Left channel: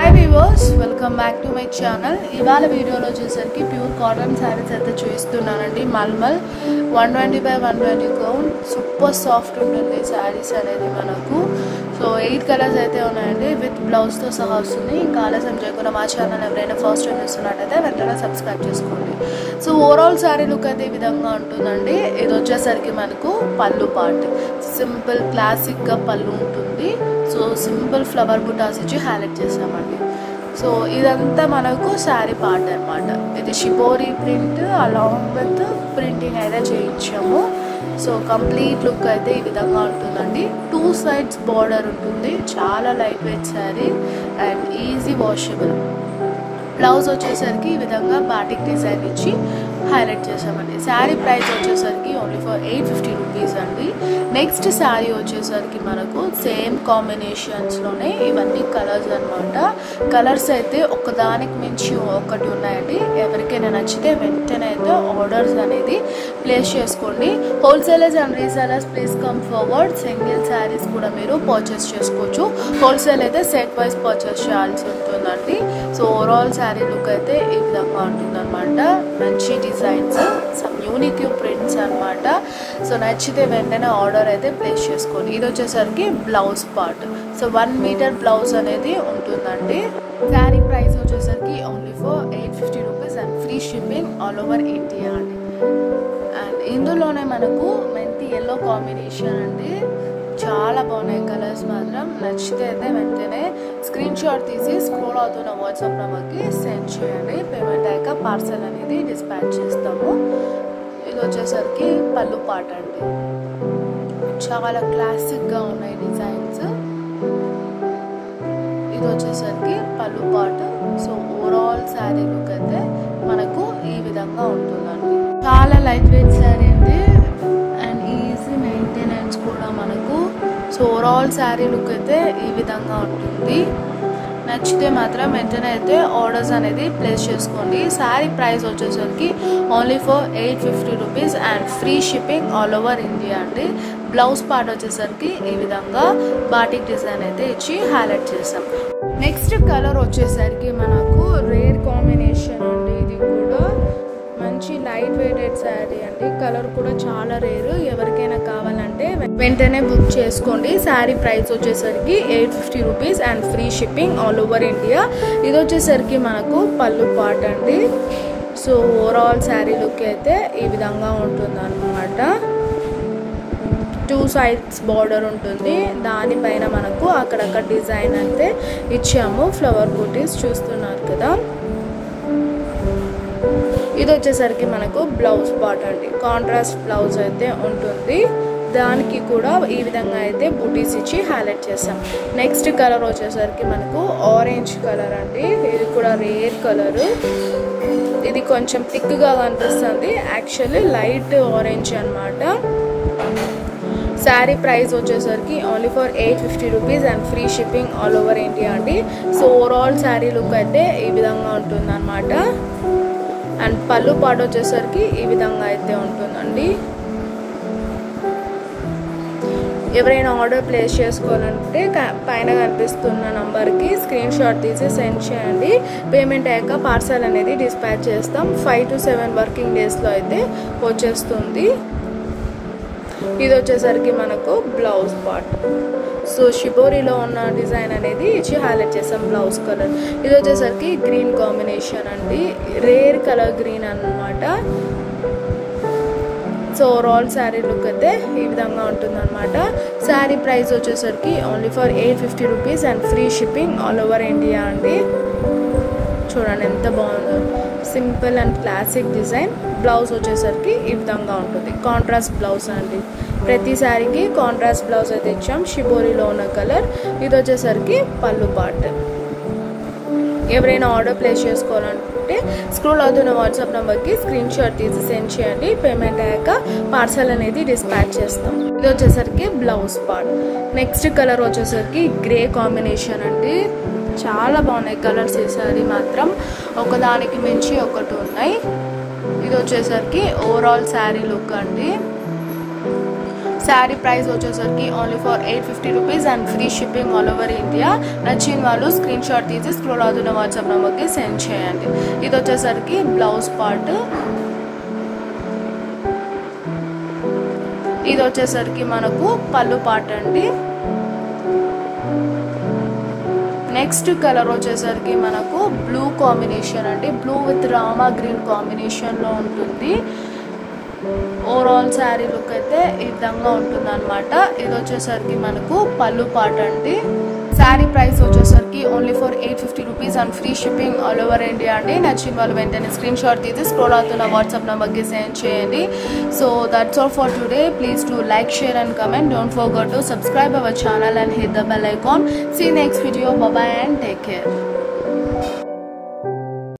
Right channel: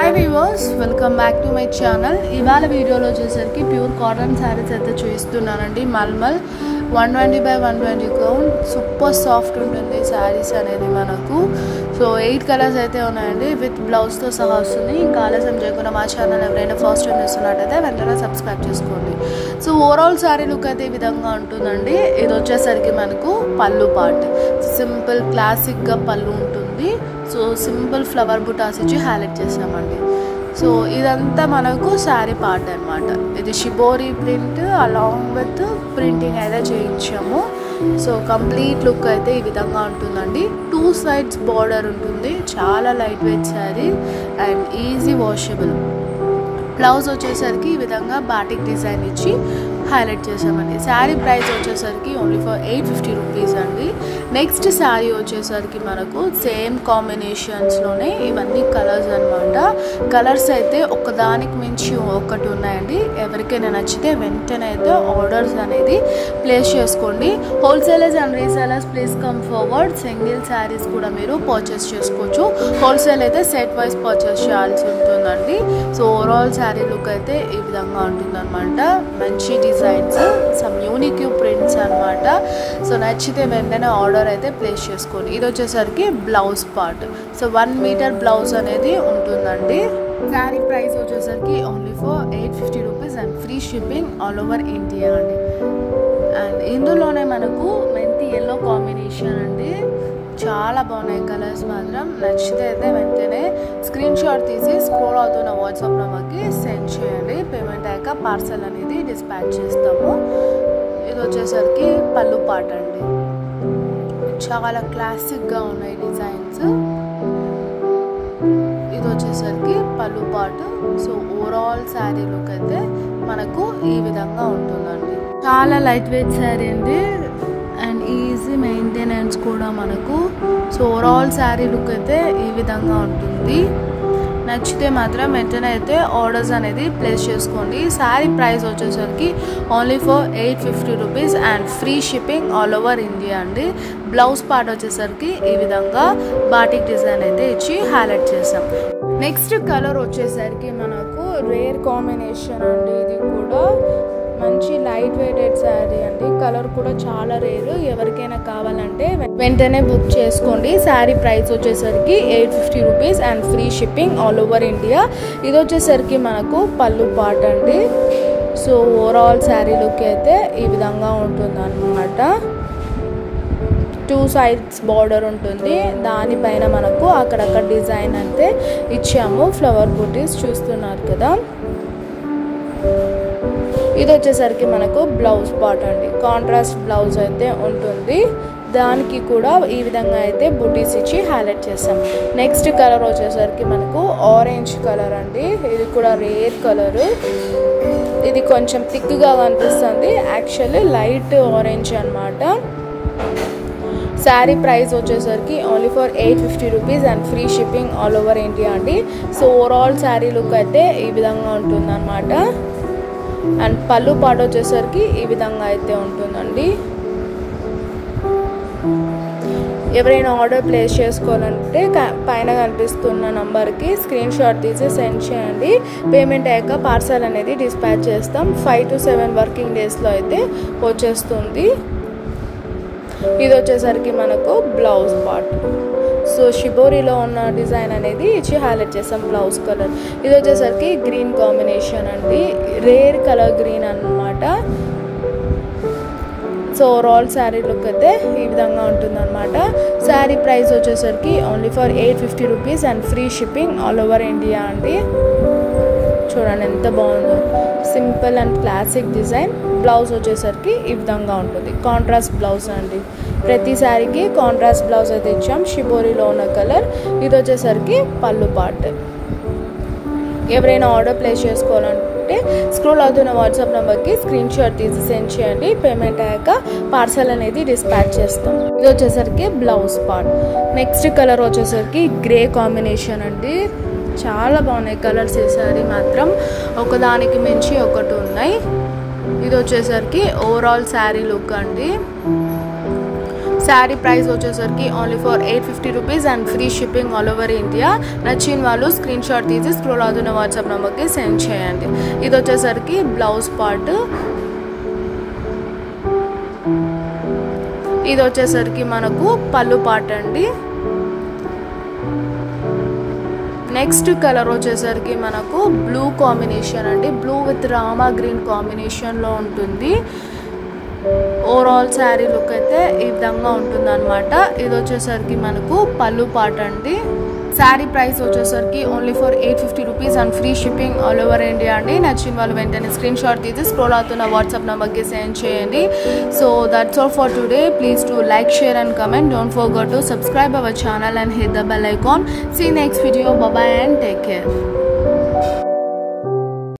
Hi viewers, welcome back to my channel. ఇవాళ వీడియోలో వచ్చేసరికి ప్యూర్ కాటన్ శారీస్ అయితే చూపిస్తున్నానండి. Mulmul 120 by 120 count super soft ఉంటుంది శారీస్ అనేది మనకు. సో 8 కలర్స్ అయితే ఉన్నాయండి, విత్ బ్లౌజ్ తో సహా వస్తుంది. ఇంకా ఆలస్యం చేయకుండా మా ఛానల్ ఎవరైనా ఫస్ట్ టైం చూస్తున్నట్టయితే వెంటనే సబ్స్క్రైబ్ చేసుకోండి. సో ఓవరాల్ శారీ లుక్ అయితే ఈ విధంగా ఉంటుందండి. ఇది వచ్చేసరికి మనకు పళ్ళు పార్ట్ సింపుల్ క్లాసిక్ గా పళ్ళు ఉంటుంది. సో సింపుల్ ఫ్లవర్ బుటాస్ ఇచ్చి హైలైట్ చేసామండి. సో ఇదంతా మనకు శారీ పార్ట్ అనమాట. ఇది shibori print along with printing అయితే చేయించాము. సో కంప్లీట్ లుక్ అయితే ఈ విధంగా ఉంటుందండి. 2 sides బార్డర్ ఉంటుంది. చాలా light weight sari and easy washable. Blouse వచ్చేసరికి ఈ విధంగా బాటిక్ డిజైన్ ఇచ్చి హైలైట్ చేసామండి. శారీ ప్రైస్ వచ్చేసరికి ఓన్లీ ఫర్ 850 రూపీస్ అండి. నెక్స్ట్ శారీ వచ్చేసరికి మనకు సేమ్ కాంబినేషన్స్లోనే ఇవన్నీ కలర్స్ అనమాట. కలర్స్ అయితే ఒకదానికి మించి ఒకటి ఉన్నాయండి. ఎవరికైనా నచ్చితే వెంటనే అయితే ఆర్డర్స్ అనేది ప్లేస్ చేసుకోండి. Wholesalers and resellers please come forward. Single saris కూడా మీరు పర్చేస్ చేసుకోవచ్చు. హోల్సేల్ అయితే సెట్ వైజ్ పర్చేస్ చేయాల్సి ఉంటుందండి. సో ఓవరాల్ శారీ లుక్ అయితే ఈ విధంగా ఉంటుందన్నమాట. మంచి డిజైన్స్, సమ్ యూనిక్ ప్రింట్స్ అనమాట. సో నచ్చితే వెంటనే ఆర్డర్ అయితే ప్లేస్ చేసుకోండి. ఇది వచ్చేసరికి blouse part. So 1 meter blouse అనేది ఉంటుందండి. శారీ ప్రైస్ వచ్చేసరికి only for 850 rupees and free shipping all over India అండి. అండ్ ఇందులోనే మనకు మెంతి ఎల్లో కాంబినేషన్ అండి. చాలా బాగున్నాయి కలర్స్ మాత్రం. నచ్చితే అయితే వెంటనే స్క్రీన్ షాట్ తీసి స్క్రోల్ అవుతున్న వాట్సాప్ నెంబర్కి సెండ్ చేయండి. పేమెంట్ అయ్యాక పార్సల్ అనేది డిస్పాచ్ చేస్తాము. ఇది వచ్చేసరికి పళ్ళు పాట అండి. చాలా క్లాసిక్గా ఉన్నాయి డిజైన్స్. ఇది వచ్చేసరికి పళ్ళు పాట. సో ఓవరాల్ శారీ లుక్ అయితే మనకు ఈ విధంగా ఉంటుందండి. చాలా లైట్ వెయిట్ శారీ అండి అండ్ ఈజీ మెయింటెనెన్స్ కూడా మనకు. సో ఓవరాల్ శారీ లుక్ అయితే ఈ విధంగా ఉంటుంది. నచ్చితే మాత్రం వెంటనే అయితే ఆర్డర్స్ అనేది ప్లేస్ చేసుకోండి. శారీ ప్రైస్ వచ్చేసరికి only for 850 rupees and free shipping all over India అండి. బ్లౌజ్ పార్ట్ వచ్చేసరికి ఈ విధంగా బాటిక్ డిజైన్ అయితే ఇచ్చి హైలైట్ చేసాం. నెక్స్ట్ కలర్ వచ్చేసరికి మనకు రేర్ కాంబినేషన్ అండి. ఇది కూడా మంచి లైట్ వెయిటెడ్ శారీ అండి. కలర్ కూడా చాలా రేరు. ఎవరికైనా కావాలంటే వెంటనే బుక్ చేసుకోండి. శారీ ప్రైస్ వచ్చేసరికి 850 rupees and free shipping all over India. ఇది వచ్చేసరికి మనకు పళ్ళు పార్ట్ అండి. సో ఓవరాల్ శారీ లుక్ అయితే ఈ విధంగా ఉంటుంది అన్నమాట. 2 sides బార్డర్ ఉంటుంది. దానిపైన మనకు అక్కడక్కడ డిజైన్ అయితే ఇచ్చాము. ఫ్లవర్ బూటీస్ చూస్తున్నారు కదా. ఇది వచ్చేసరికి మనకు బ్లౌజ్ పార్ట్ అండి. కాంట్రాస్ట్ బ్లౌజ్ అయితే ఉంటుంది. దానికి కూడా ఈ విధంగా అయితే బూటీస్ ఇచ్చి హైలైట్ చేసాం. నెక్స్ట్ కలర్ వచ్చేసరికి మనకు ఆరెంజ్ కలర్ అండి. ఇది కూడా రేర్ కలర్. ఇది కొంచెం థిక్గా కనిపిస్తుంది. యాక్చువల్లీ లైట్ ఆరెంజ్ అనమాట. శారీ ప్రైస్ వచ్చేసరికి only for 850 rupees and free shipping all over India అండి. సో ఓవరాల్ శారీ లుక్ అయితే ఈ విధంగా ఉంటుంది అనమాట. అండ్ పళ్ళు పాట వచ్చేసరికి ఈ విధంగా అయితే ఉంటుందండి. ఎవరైనా ఆర్డర్ ప్లేస్ చేసుకోవాలంటే పైన కనిపిస్తున్న నంబర్కి స్క్రీన్ షాట్ తీసి సెండ్ చేయండి. పేమెంట్ అయ్యాక పార్సల్ అనేది డిస్పాచ్ చేస్తాం. 5 to 7 వర్కింగ్ డేస్లో అయితే వచ్చేస్తుంది. ఇది వచ్చేసరికి మనకు బ్లౌజ్ పార్ట్. సో షిబోరిలో ఉన్న డిజైన్ అనేది ఇచ్చి హైలైట్ చేస్తాం. బ్లౌజ్ కలర్ ఇది వచ్చేసరికి గ్రీన్ కాంబినేషన్ అండి. రేర్ కలర్ గ్రీన్ అన్నమాట. సో ఓవరాల్ శారీ లుక్ అయితే ఈ విధంగా ఉంటుంది అనమాట. శారీ ప్రైస్ వచ్చేసరికి only for 850 rupees and free shipping all over India అండి. చూడండి ఎంత బాగుందో. Simple and classic design. Blouse వచ్చేసరికి ఈ విధంగా ఉంటుంది. కాంట్రాస్ట్ బ్లౌజ్ అండి. ప్రతి శారీకి కాంట్రాస్ట్ బ్లౌజ్ అయితే ఇచ్చాం. షిబోరిలో ఉన్న కలర్. ఇది వచ్చేసరికి పళ్ళు పార్ట్. ఎవరైనా ఆర్డర్ ప్లేస్ చేసుకోవాలంటే స్క్రోల్ అవుతున్న వాట్సాప్ నెంబర్కి స్క్రీన్ షాట్ తీసి సెండ్ చేయండి. పేమెంట్ అయ్యాక పార్సల్ అనేది డిస్పాచ్ చేస్తాం. ఇది వచ్చేసరికి బ్లౌజ్ పార్ట్. నెక్స్ట్ కలర్ వచ్చేసరికి గ్రే కాంబినేషన్ అండి. చాలా బాగున్నాయి కలర్స్. ఈ శారీ మాత్రం ఒకదానికి మించి ఒకటి ఉన్నాయి. ఇది వచ్చేసరికి ఓవరాల్ శారీ లుక్ అండి. శారీ ప్రైస్ వచ్చేసరికి only for 850 rupees and free shipping all over India. నచ్చిన వాళ్ళు స్క్రీన్ షాట్ తీసి స్క్రోల్ అవుతున్న వాట్సాప్ నెంబర్కి సెండ్ చేయండి. ఇది వచ్చేసరికి బ్లౌజ్ పార్ట్. ఇది వచ్చేసరికి మనకు పళ్ళు పార్ట్ అండి. నెక్స్ట్ కలర్ వచ్చేసరికి మనకు బ్లూ కాంబినేషన్ అండి. బ్లూ విత్ రామా గ్రీన్ కాంబినేషన్లో ఉంటుంది. ఓవరాల్ శారీ లుక్ అయితే ఈ విధంగా ఉంటుంది అనమాట. ఇది వచ్చేసరికి మనకు పళ్ళు పార్ట్ అండి. శారీ ప్రైస్ వచ్చేసరికి only for 850 rupees and free shipping all over India అండి. నచ్చిన వాళ్ళు వెంటనే స్క్రీన్ షాట్ తీసి స్క్రోల్ అవుతున్న వాట్సాప్ నెంబర్కి సెండ్ చేయండి. So that's all for today. Please to like, share and comment. Don't forget to subscribe our channel and hit the bell icon. See you next video. Bye bye and take care.